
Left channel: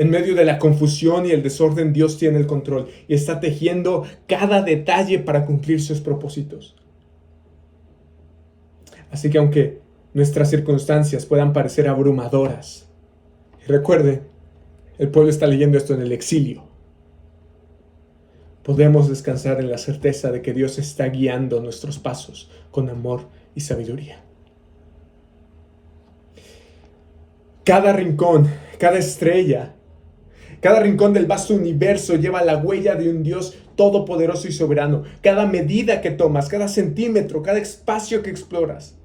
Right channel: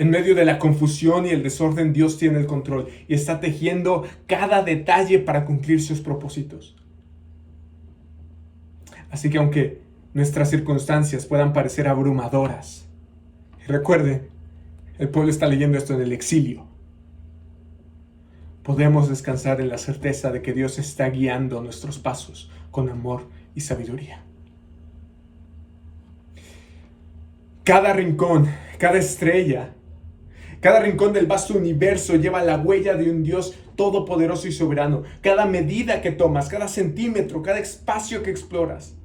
En medio de la confusión y el desorden, Dios tiene el control y está tejiendo cada detalle para cumplir sus propósitos. Así que aunque nuestras circunstancias puedan parecer abrumadoras, recuerde, el pueblo está leyendo esto en el exilio. Podemos descansar en la certeza de que Dios está guiando nuestros pasos con amor y sabiduría. Cada rincón, Cada estrella, cada rincón del vasto universo lleva la huella de un Dios todopoderoso y soberano. Cada medida que tomas, cada centímetro, cada espacio que exploras,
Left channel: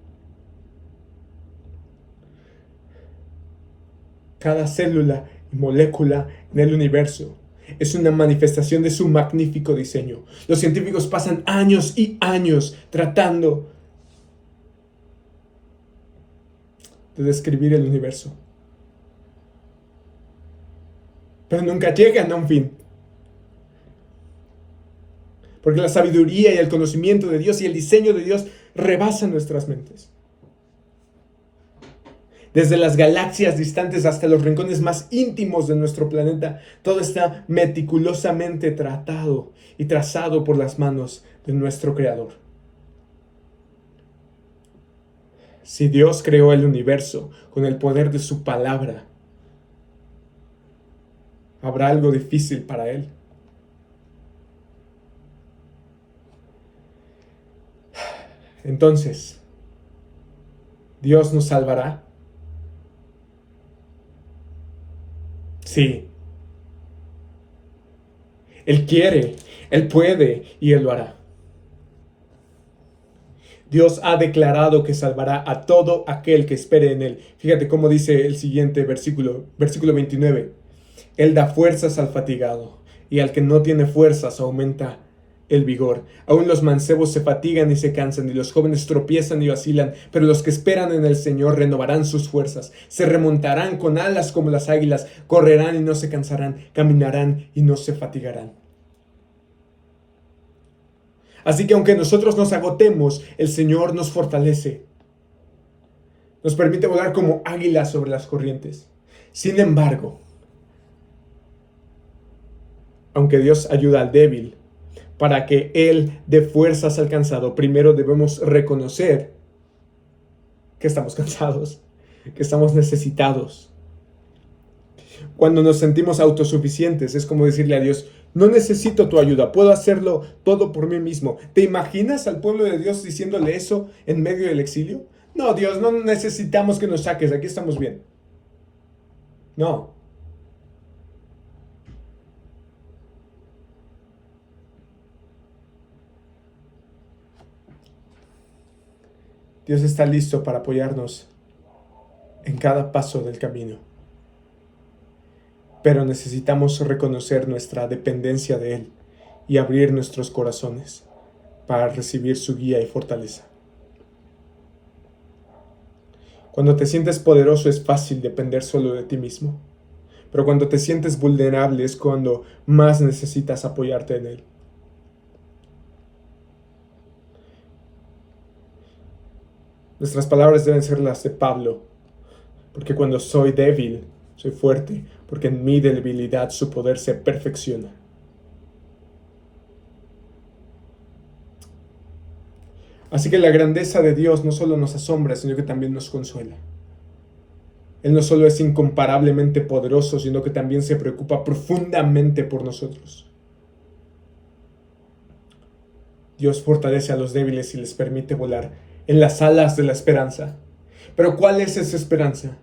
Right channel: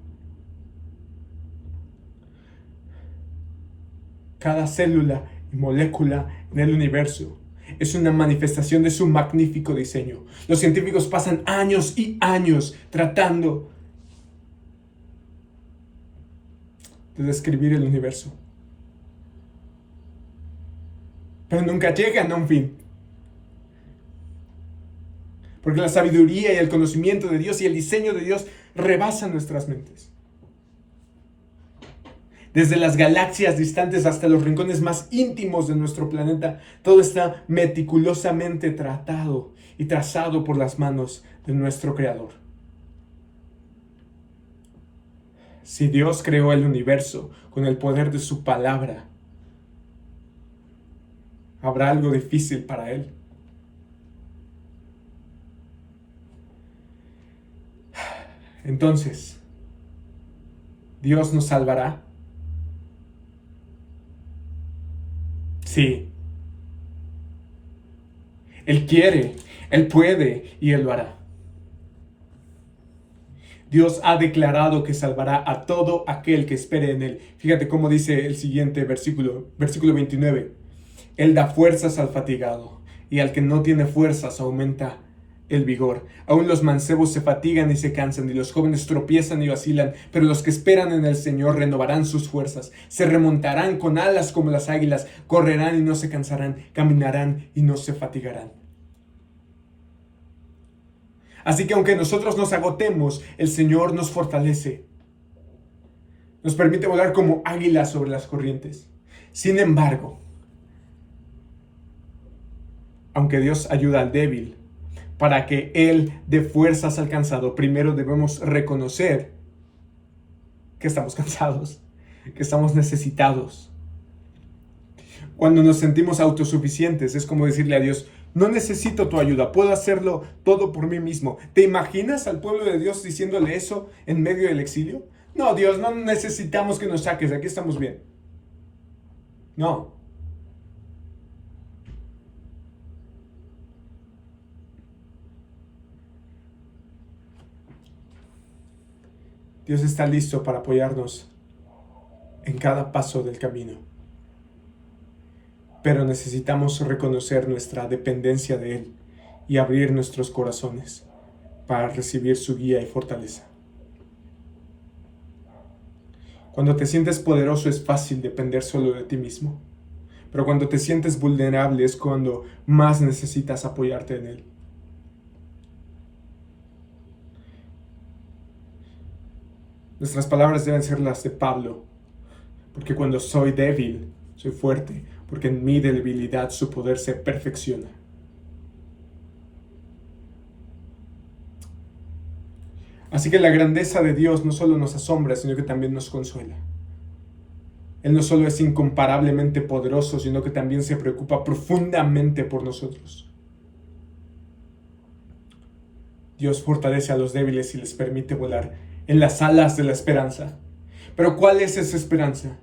cada célula y molécula en el universo es una manifestación de su magnífico diseño. Los científicos pasan años y años tratando de describir el universo, pero nunca llegan a un fin. Porque la sabiduría y el conocimiento de Dios y el diseño de Dios rebasan nuestras mentes. Desde las galaxias distantes hasta los rincones más íntimos de nuestro planeta, todo está meticulosamente tratado y trazado por las manos de nuestro Creador. Si Dios creó el universo con el poder de su palabra, ¿habrá algo difícil para Él? Entonces, ¿Dios nos salvará? Sí. Él quiere, Él puede y Él lo hará. Dios ha declarado que salvará a todo aquel que espere en Él. Fíjate cómo dice el siguiente versículo 29. Él da fuerzas al fatigado, y al que no tiene fuerzas aumenta el vigor. Aún los mancebos se fatigan y se cansan, y los jóvenes tropiezan y vacilan, pero los que esperan en el Señor renovarán sus fuerzas, se remontarán con alas como las águilas, correrán y no se cansarán, caminarán y no se fatigarán. Así que aunque nosotros nos agotemos, el Señor nos fortalece, nos permite volar como águilas sobre las corrientes. Sin embargo, aunque Dios ayuda al débil, para que Él dé fuerzas al cansado, primero debemos reconocer que estamos cansados, que estamos necesitados. Cuando nos sentimos autosuficientes, es como decirle a Dios: no necesito tu ayuda, puedo hacerlo todo por mí mismo. ¿Te imaginas al pueblo de Dios diciéndole eso en medio del exilio? No, Dios, no necesitamos que nos saques, aquí estamos bien. No. Dios está listo para apoyarnos en cada paso del camino. Pero necesitamos reconocer nuestra dependencia de Él y abrir nuestros corazones para recibir su guía y fortaleza. Cuando te sientes poderoso es fácil depender solo de ti mismo, pero cuando te sientes vulnerable es cuando más necesitas apoyarte en Él. Nuestras palabras deben ser las de Pablo, porque cuando soy débil, soy fuerte, porque en mi debilidad su poder se perfecciona. Así que la grandeza de Dios no solo nos asombra, sino que también nos consuela. Él no solo es incomparablemente poderoso, sino que también se preocupa profundamente por nosotros. Dios fortalece a los débiles y les permite volar en las alas de la esperanza. Pero ¿cuál es esa esperanza?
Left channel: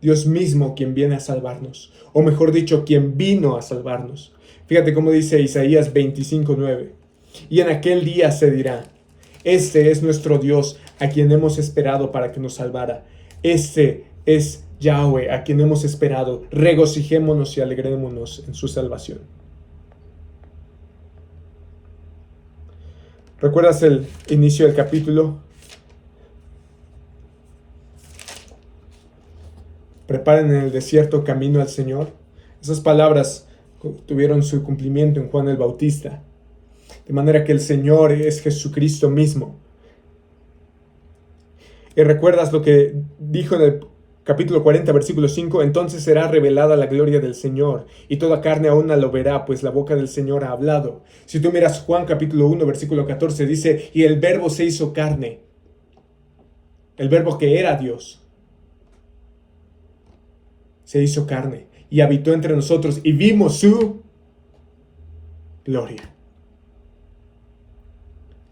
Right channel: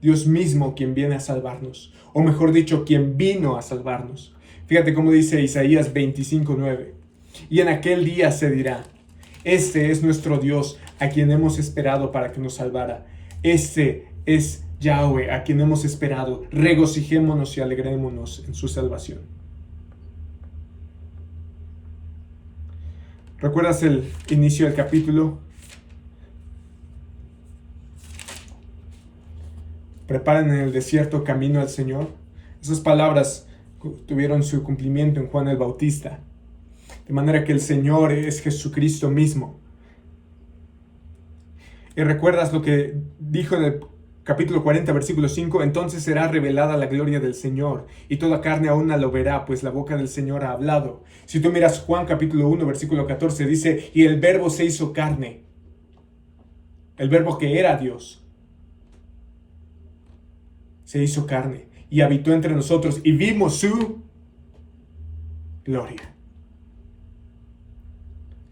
Dios mismo, quien viene a salvarnos, o mejor dicho, quien vino a salvarnos. Fíjate cómo dice Isaías 25:9. Y en aquel día se dirá: este es nuestro Dios, a quien hemos esperado para que nos salvara. Este es Yahweh, a quien hemos esperado. Regocijémonos y alegrémonos en su salvación. ¿Recuerdas el inicio del capítulo? Preparen en el desierto camino al Señor. Esas palabras tuvieron su cumplimiento en Juan el Bautista. De manera que el Señor es Jesucristo mismo. Y recuerdas lo que dijo en el capítulo 40, versículo 5. Entonces será revelada la gloria del Señor, y toda carne aún lo verá, pues la boca del Señor ha hablado. Si tú miras Juan capítulo 1, versículo 14, dice: y el verbo se hizo carne. El verbo que era Dios se hizo carne y habitó entre nosotros, y vimos su gloria.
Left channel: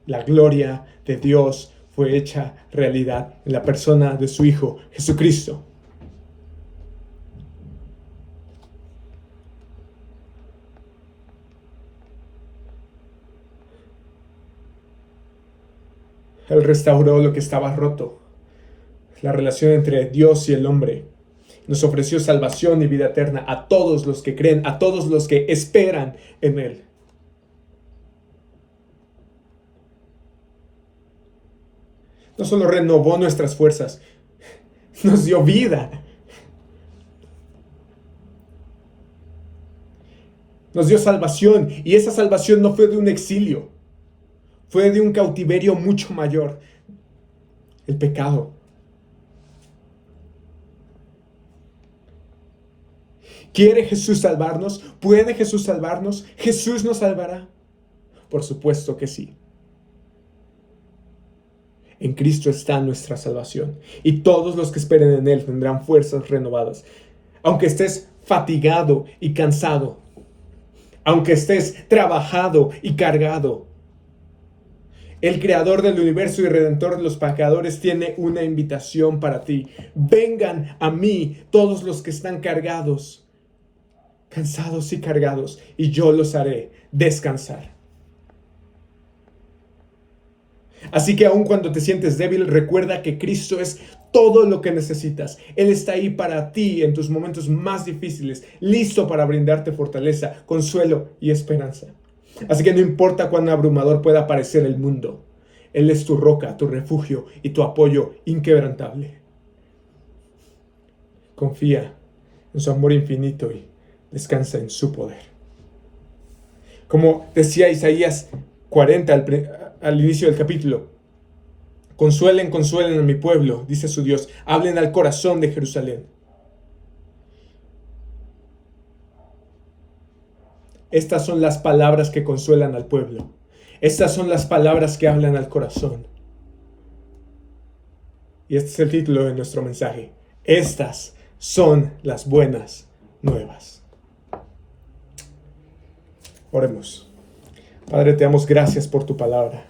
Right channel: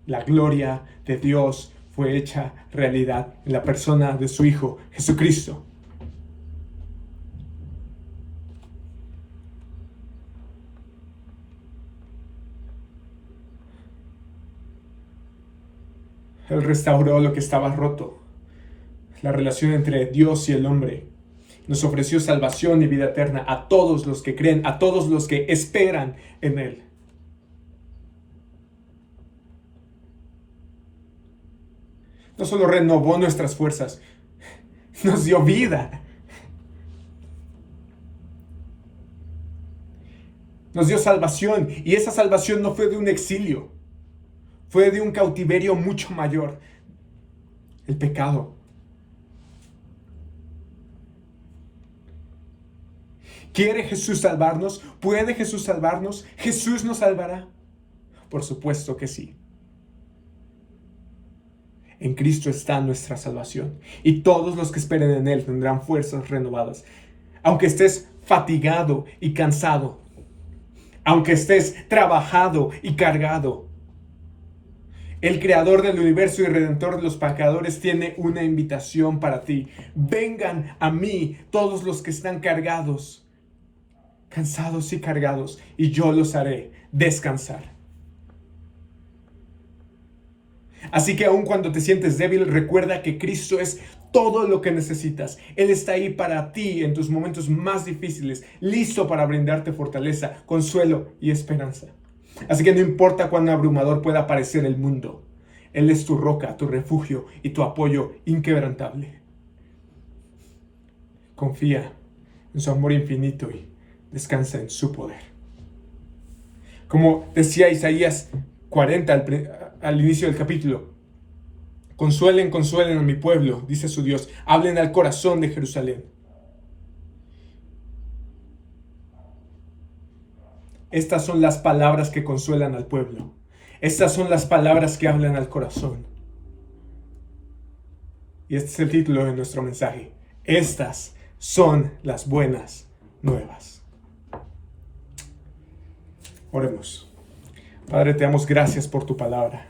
La gloria de Dios fue hecha realidad en la persona de su Hijo, Jesucristo. Él restauró lo que estaba roto, la relación entre Dios y el hombre. Nos ofreció salvación y vida eterna a todos los que creen, a todos los que esperan en Él. No solo renovó nuestras fuerzas, nos dio vida. Nos dio salvación, y esa salvación no fue de un exilio, fue de un cautiverio mucho mayor, el pecado. ¿Quiere Jesús salvarnos? ¿Puede Jesús salvarnos? ¿Jesús nos salvará? Por supuesto que sí. En Cristo está nuestra salvación, y todos los que esperen en Él tendrán fuerzas renovadas. Aunque estés fatigado y cansado, aunque estés trabajado y cargado, el Creador del universo y Redentor de los pecadores tiene una invitación para ti. Vengan a mí todos los que están cargados, cansados y cargados, y yo los haré descansar. Así que aun cuando te sientes débil, recuerda que Cristo es todo lo que necesitas. Él está ahí para ti en tus momentos más difíciles, listo para brindarte fortaleza, consuelo y esperanza. Así que no importa cuán abrumador pueda parecer el mundo, Él es tu roca, tu refugio y tu apoyo inquebrantable. Confía en su amor infinito y descansa en su poder. Como decía Isaías 40 al inicio del capítulo: consuelen, consuelen a mi pueblo, dice su Dios, hablen al corazón de Jerusalén. Estas son las palabras que consuelan al pueblo. Estas son las palabras que hablan al corazón. Y este es el título de nuestro mensaje: estas son las buenas nuevas. Oremos. Padre, te damos gracias por tu palabra.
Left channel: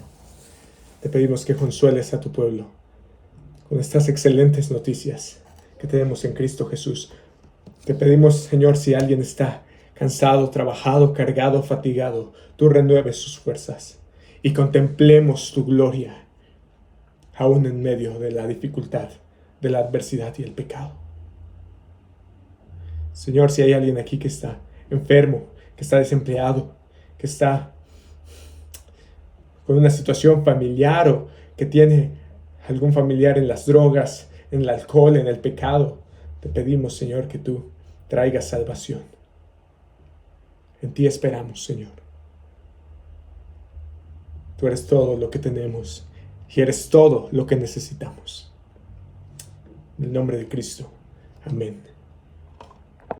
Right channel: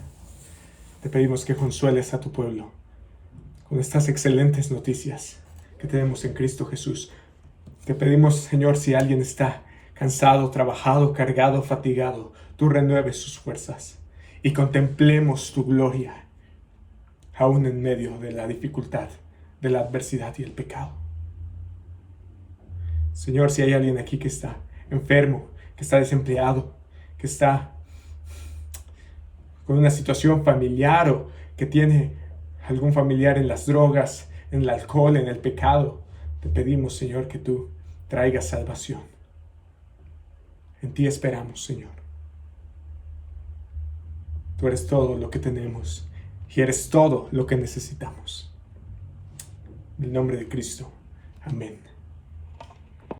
Te pedimos que consueles a tu pueblo con estas excelentes noticias que tenemos en Cristo Jesús. Te pedimos, Señor, si alguien está cansado, trabajado, cargado, fatigado, tú renueves sus fuerzas y contemplemos tu gloria, aún en medio de la dificultad, de la adversidad y el pecado. Señor, si hay alguien aquí que está enfermo, que está desempleado, que está con una situación familiar o que tiene algún familiar en las drogas, en el alcohol, en el pecado, te pedimos, Señor, que tú traigas salvación. En ti esperamos, Señor. Tú eres todo lo que tenemos y eres todo lo que necesitamos. En el nombre de Cristo. Amén.